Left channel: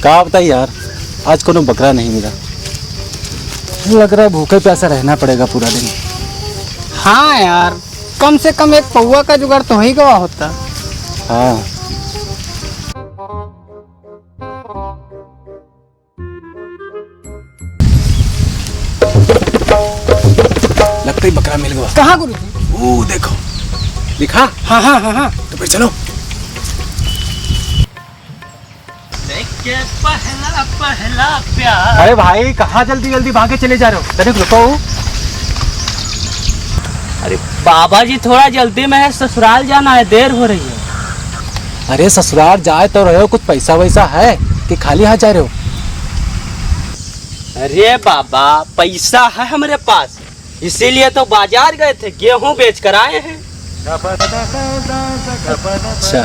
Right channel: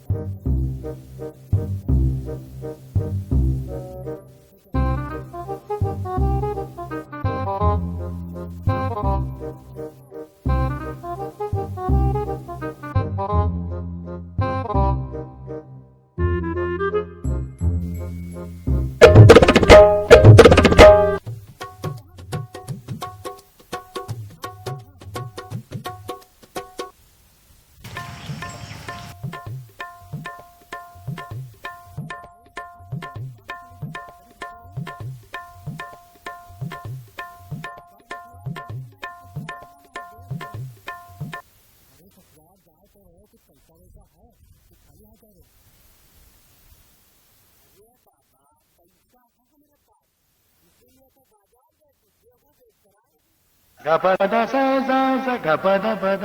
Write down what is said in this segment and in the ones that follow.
कहा बताइए यार, आज कोनो बकरा नहीं मिला। लग रहा है भूखे प्यासा रहना पड़ेगा पूरा दिन। हाँ यार, कम से कम एक पौवा का जुगाड़ तो ही गवा होता। हाँ लगता ही बकरा मिल गया। कहाँ गुरुजी? वो देखो दिखा। हाँ हाँ हाँ हाँ। तो फिर चलो। पहला पहला प्यार। अरे भाई कहाँ जल्दी जल्दी भागे चले जा रहे हो? तनिक रुको। अरे बाबा जी थोड़ा जल्दी में है, ससुराल जाना है, देर हो रही है। अरे ससुराल जाए तो रहे हो, कुछ पैसा वैसा है कि खाली हाथ जा रहे हो? अरे बाबा पैसा है हमारे पास, इसीलिए तो बाजार गए थे, गेहूं बेच कर आए हैं। अच्छा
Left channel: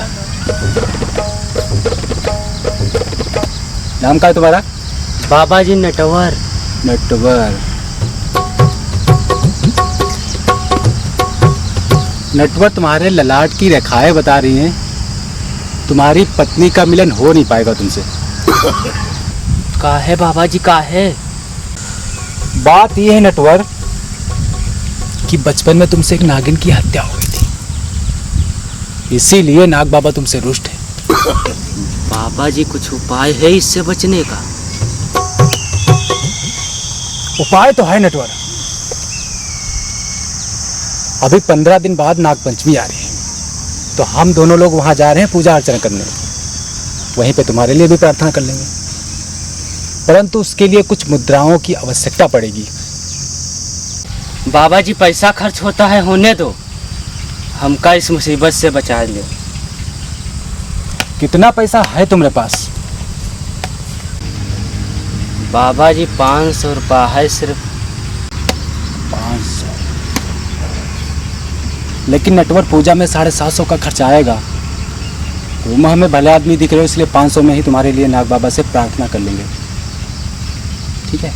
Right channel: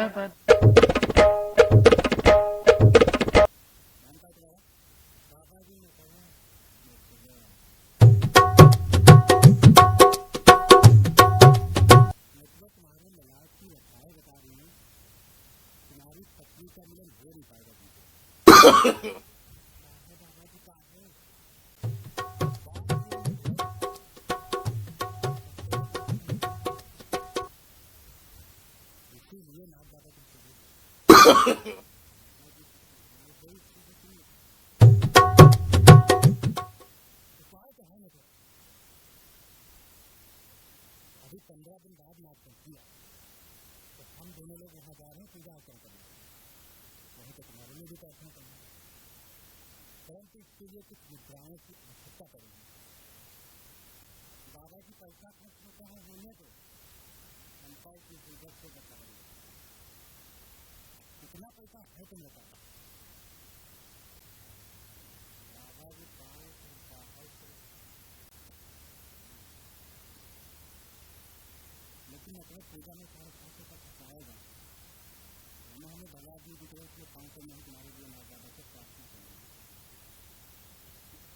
नाम क्या है तुम्हारा? बाबा जी नटवर। नटवर। नटवर तुम्हारे ललाट की रेखाएं बता रही हैं तुम्हारी पत्नी का मिलन हो नहीं पाएगा तुमसे। काहे बाबा जी काहे? बात यह है नटवर कि बचपन में तुमसे एक नागिन की हत्या हो गई थी, इसीलिए नाग बाबा तुमसे रुष्ट है। बाबा जी कुछ उपाय है इससे बचने का? उपाय तो है नटवर। अभी 15 दिन बाद नागपंचमी आ रही है, तो हम दोनों लोग वहां जा रहे हैं पूजा अर्चना करने। वहीं पे तुम्हारे लिए भी प्रार्थना कर लेंगे, परंतु उसके लिए कुछ मुद्राओं की आवश्यकता पड़ेगी। बाबा जी पैसा खर्च होता है, होने दो, हमका इस मुसीबत से बचा ले। कितना पैसा है तुम्हारे पास? बाबा जी 500 रुपया है सिर्फ। 500? लेकिन नटवर पूजा में 750 का खर्च आएगा। तुम हमें भले आदमी दिख रहे हो, इसलिए 500 में ही तुम्हारे लिए नाग बाबा से प्रार्थना कर लेंगे, ठीक है?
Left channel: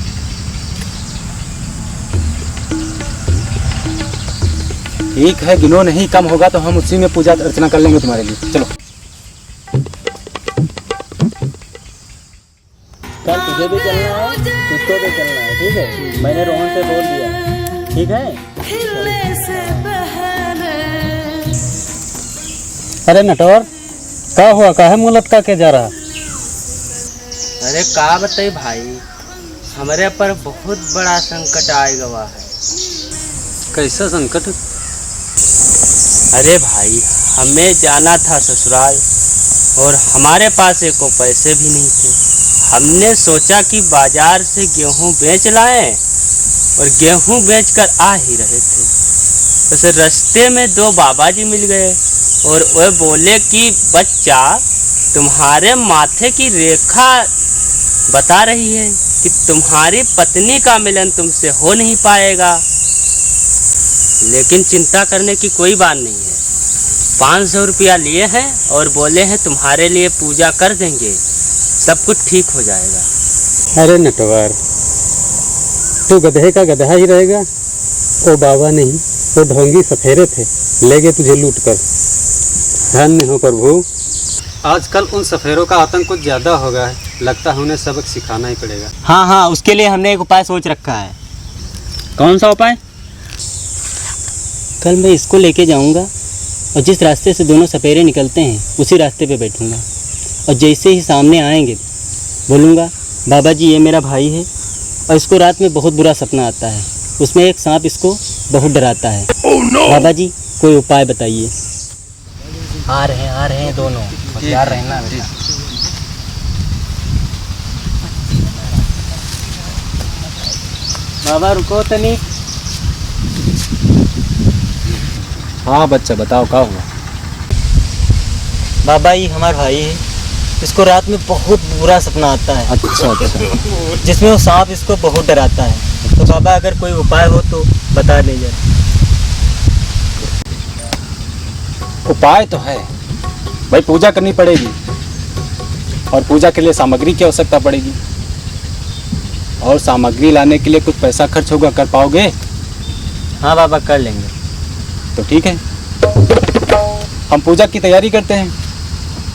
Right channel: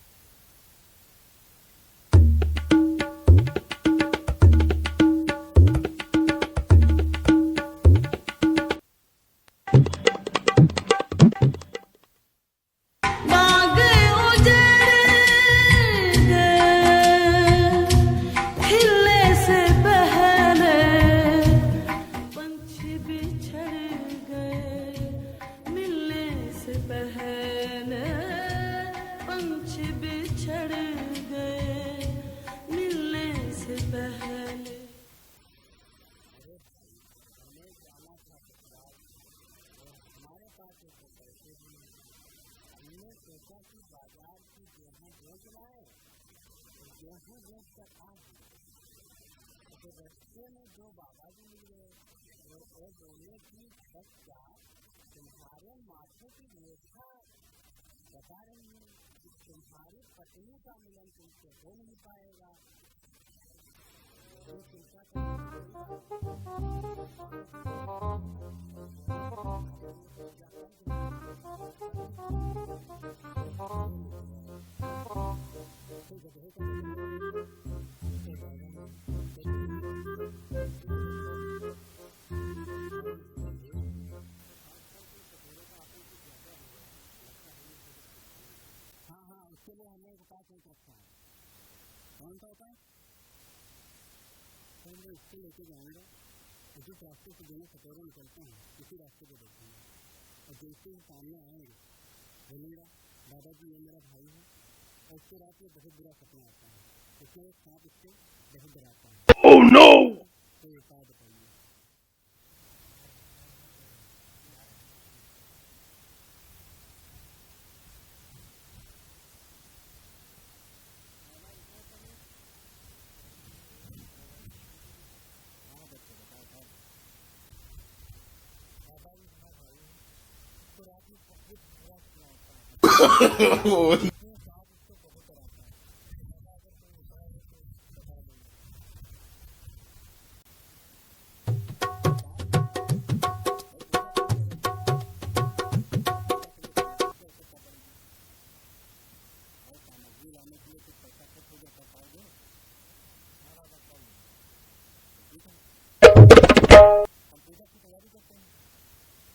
ठीक है, गिनो नहीं, कम होगा तो हम उसी में पूजा अर्चना कर लेंगे तुम्हारे लिए। चलो। अरे नटवर क्या हुआ, काहे मुँह लटका के जा रहा? अरे का बताइए भाई, हमारे पर बहुत बड़ा संकट आएगा है। कैसा संकट? अरे भाई हमें जाना था ससुराल और हमारे पास एको पैसे भी नहीं थे। हमने सोचा कि बाजार से गेहूं बेच लाएं और गेहूं बेचकर आ ही रहे थे, तो रास्ते में 2 बाबा जी मिल गए और वे बोले कि बच्चा तुम्हारे माथे की रेखा बता रही है कि तुम्हारी पत्नी का मिलन तुमसे हो नहीं पाएगा, लेकिन चिंता करने की कोई बात नहीं है। 500 रुपया लिए हैं और बोले हैं तुम्हारे लिए पूजा कर देंगे, सब कुछ ठीक हो जाएगा। अरे नटवर तू गधे का गधा ही रहेगा। वो बाबा नहीं, वो ढोंगी सफेरे थे, ले गए तुझे लूट कर। धन्य हो प्रभु। आजकल उन सफेरों का आतंक कुछ ज्यादा हो गया है, लगता है उन्हें सबक सिखाना ही पड़ेगा। हाँ हाँ, उसके लिए हमने एक उपाय सोच रखा है। कौन सा उपाय? कल मैं इसको लेके जाऊंगा और जिस रास्ते से दोनों सपेरे निकलते हैं उसी रास्ते पे बैठूंगा, और जैसे ही सामने आएंगे बोलूँगा बाबा जी ये मेरा भाई है और इसको रात में बहुत बुरा सपना आता है, उसमें एक सांप इसको बहुत डराता है। बाबा जी कोई उपाय बताइए। आ रहे हैं दोनों, होशियार रहना। बाबा रुको तनी। हाँ बच्चा बताओ क्या हुआ? बाबा ये हमारा भाई है, इसको रात में बहुत बुरा सपना आता है। अच्छा अच्छा। जिसमें वो सांप इसको बहुत डराता है, तो बाबा अगर कोई उपाय हो तो बता दीजिए। उपाय तो है भाई, पूजा करनी पड़ेगी और पूजा के लिए सामग्री की आवश्यकता पड़ेगी, और सामग्री लाने के लिए कुछ पैसा खर्च होगा। कर पाओगे? हाँ बाबा कर लेंगे। तो ठीक है, हम पूजा की तैयारी करते हैं,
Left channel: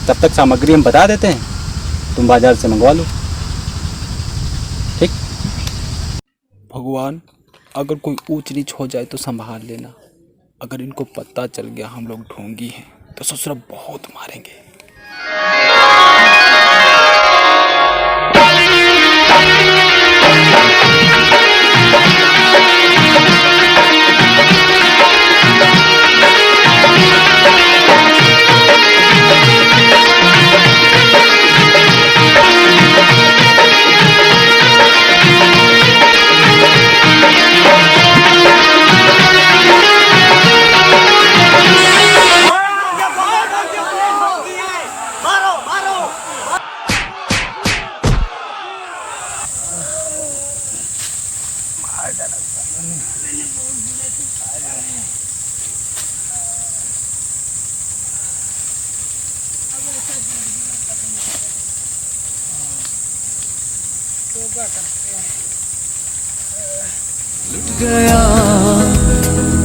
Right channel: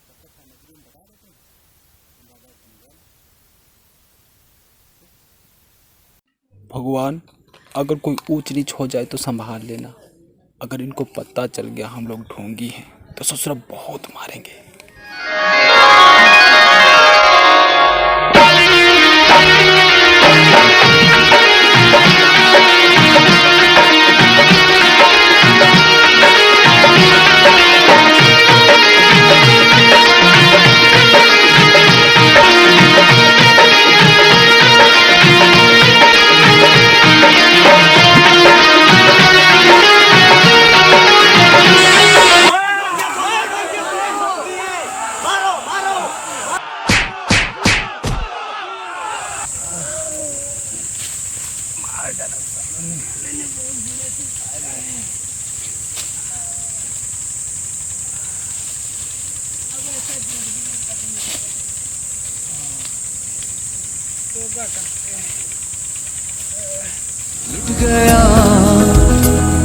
तब तक सामग्री हम बता देते हैं, तुम बाजार से मंगवा लो। ठीक। भगवान, अगर कोई ऊंच नीच हो जाए तो संभाल लेना। अगर इनको पता चल गया हम लोग ढोंगी हैं तो ससुरा बहुत मारेंगे।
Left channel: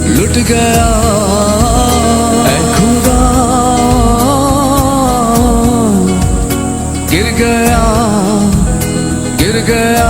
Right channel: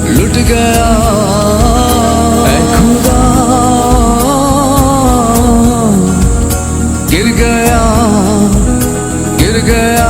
लुट गया ऐ खुदा, गिर गया